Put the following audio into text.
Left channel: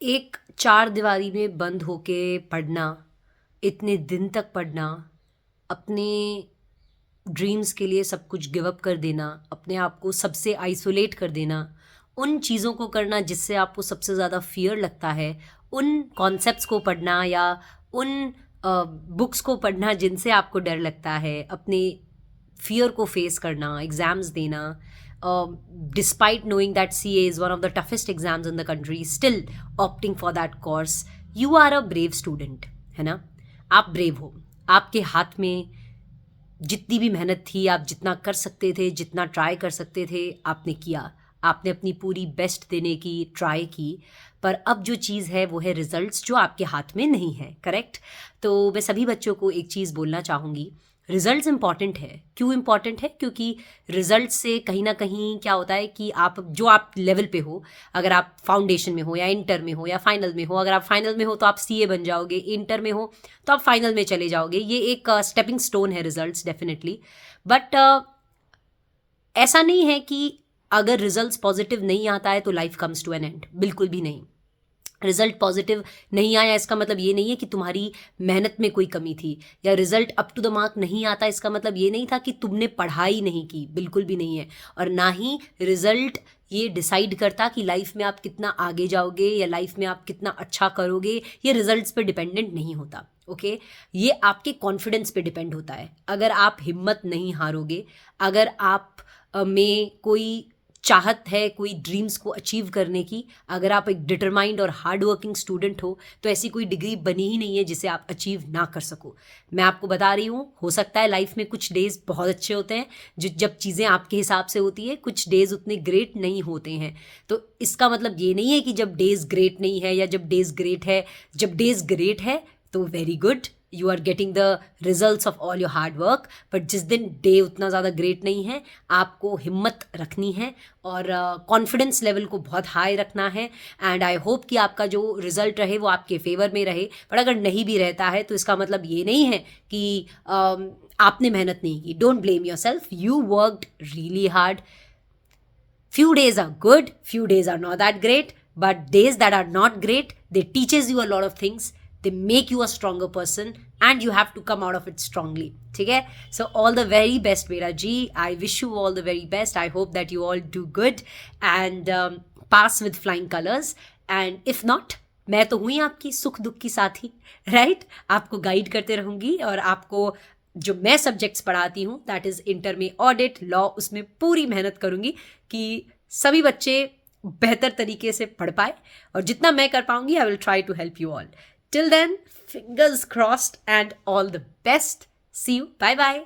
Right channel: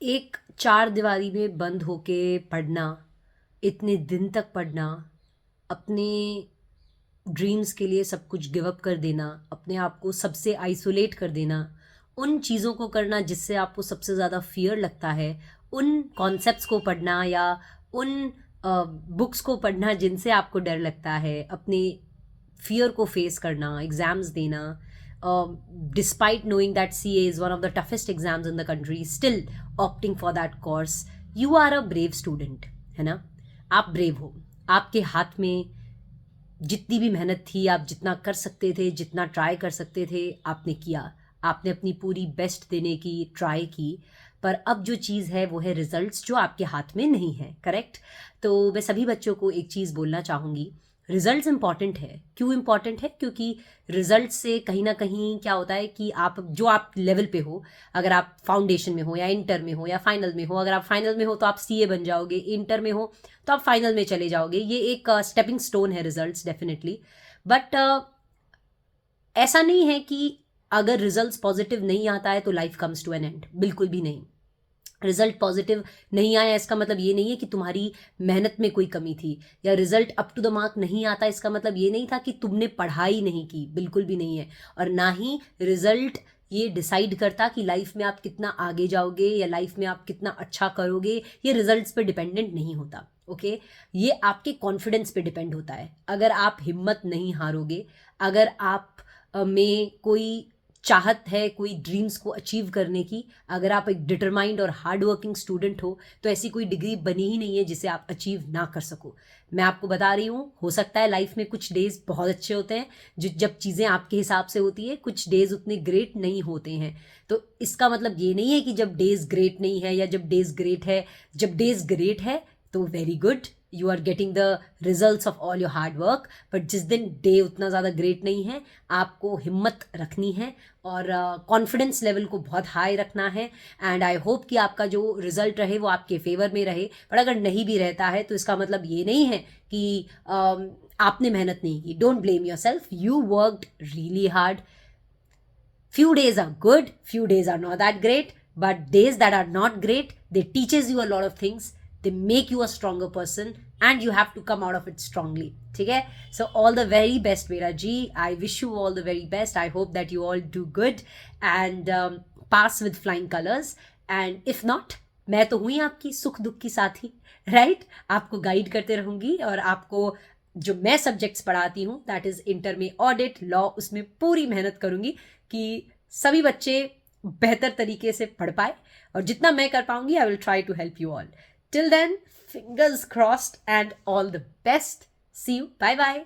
एक चार दीवारी में बंद होके पढ़ना, इतने दिन तक पढ़ना, अपने ड्रीम्स के लिए सब कुछ गिव अप कर देना, अपने आप को सबसे आइसोलेट कर देना, उन चीज़ों को करना जिससे आपको सबसे ज़्यादा फियर लगता है, उन कॉन्सेप्ट्स को पढ़ना या उन बुक्स को पढ़ना जिनसे आपको डर लगता है, अपने फियर को फेस करना, एग्ज़ाम्स देना, despite knowing that CA is one of the toughest exams in the country, still opting for that course, you are a brave student, है ना? आप ब्रेव हो। आपके हाथ में जितनी भी मेहनत थी, आप जितना कर सकते थे, जितना ट्राई कर सकते थे, आपने किया। आपने अपनी पूरी बेस्ट देने की ट्राई की, पर अब जो चीज़ है वो है रिजल्ट्स, जो आपके हाथ में नहीं है। करेक्ट? तो मैं सभी बच्चों को एक चीज़ बोलना चाहूँगी, रिजल्ट्स इंपॉर्टेंट है। क्यों इंपॉर्टेंट है? क्योंकि रिजल्ट से कहीं ना कहीं क्या होता है कि आप जो आप लेवल पे हो, अगर आप फाउंडेशन में हो या इंटर में हो या फाइनल में हो, अगर आप फाइनल में हो तो आप CA बन जाओगे, इंटर में हो तो आप फाइनल में चले जाओगे। ये एक स्टेपिंग स्टोन है रिजल्ट्स, डेफिनेटली। बट ऐसा नहीं है कि अगर रिजल्ट्स पॉजिटिव नहीं आता है तो life comes to an end, बिल्कुल भी नहीं। रिजल्ट पॉजिटिव नहीं आया इसका मतलब ये नहीं है कि तुम्हारी मेहनत में कोई कमी थी, या result up to the mark नहीं आता इसका मतलब ये नहीं था कि तुमने पढ़ाई नहीं की, बिल्कुल भी नहीं है। और ना ही रिजल्ट ये डिसाइड करता कि लाइफ में आप कितना आगे जाओगे या लाइफ में आप कितना अच्छा करोगे, ये रिजल्ट्स पे डिपेंडेंट नहीं होता। ओके? ये आपके कॉन्फिडेंस पे डिपेंड होता है। अगर आप हिम्मत नहीं हारोगे, अगर आप में कोई चाहत है, कोई ड्रीम्स को अचीव करने की, अगर आप एक डिटरमाइंड और हार्ड वर्किंग स्टूडेंट हो, तो ऐसी कोई डिग्री बनी ही नहीं है जिसे आप अचीव ना कर सको। मैं आपको बता रही हूँ, हो सकता है लाइफ में कुछ डेज बहुत अच्छे होते हैं, जब चीज़ें आपके हिसाब से होती है, कुछ डेज उतने ग्रेट नहीं होते हैं। तो इसका मतलब ये नहीं है कि जब डेज ग्रेट नहीं है या जब डेज ग्रेट है, जब डेज ग्रेट है तो very good, you are getting the results of all your hard work. But जिस दिन डे उतना ज़्यादा ग्रेट नहीं है, आपको हिम्मत रखनी है और कॉन्फिडेंस लेवल को बहुत हाई रखना है। एंड आई होप कि आपका जो रिजल्ट रहे वो आपके फेवर में रहे। पर अगर नहीं भी रहता है तो इसका मतलब ये नहीं है कि आपने मेहनत नहीं की। Don't blame your self, you worked really hard. Few days are good, few days are not that great, but days that are not great, they teaches you a lot of things, they make you a stronger person, and you have to come out of it strongly. ठीक है? So all the very best मेरा जी, I wish you all the very best. I hope that you all do good and pass with flying colors. And if not, मैं तो हुई आपकी सुख दुख की साथी, राइट? आपको गाइड करते रहूंगी और आपको जो मैं सब्जेक्ट्स पढ़ाती हूँ, दैट इज इंटर में ऑडिट, लॉ, उसमें पूरी मेहनत करूंगी कि सभी बच्चे बेहतर तरीके से पढ़ पाए, और जितना मैं कर पाऊंगी I will try to help you all. Till then, fingers crossed and all the best. See you, bye bye.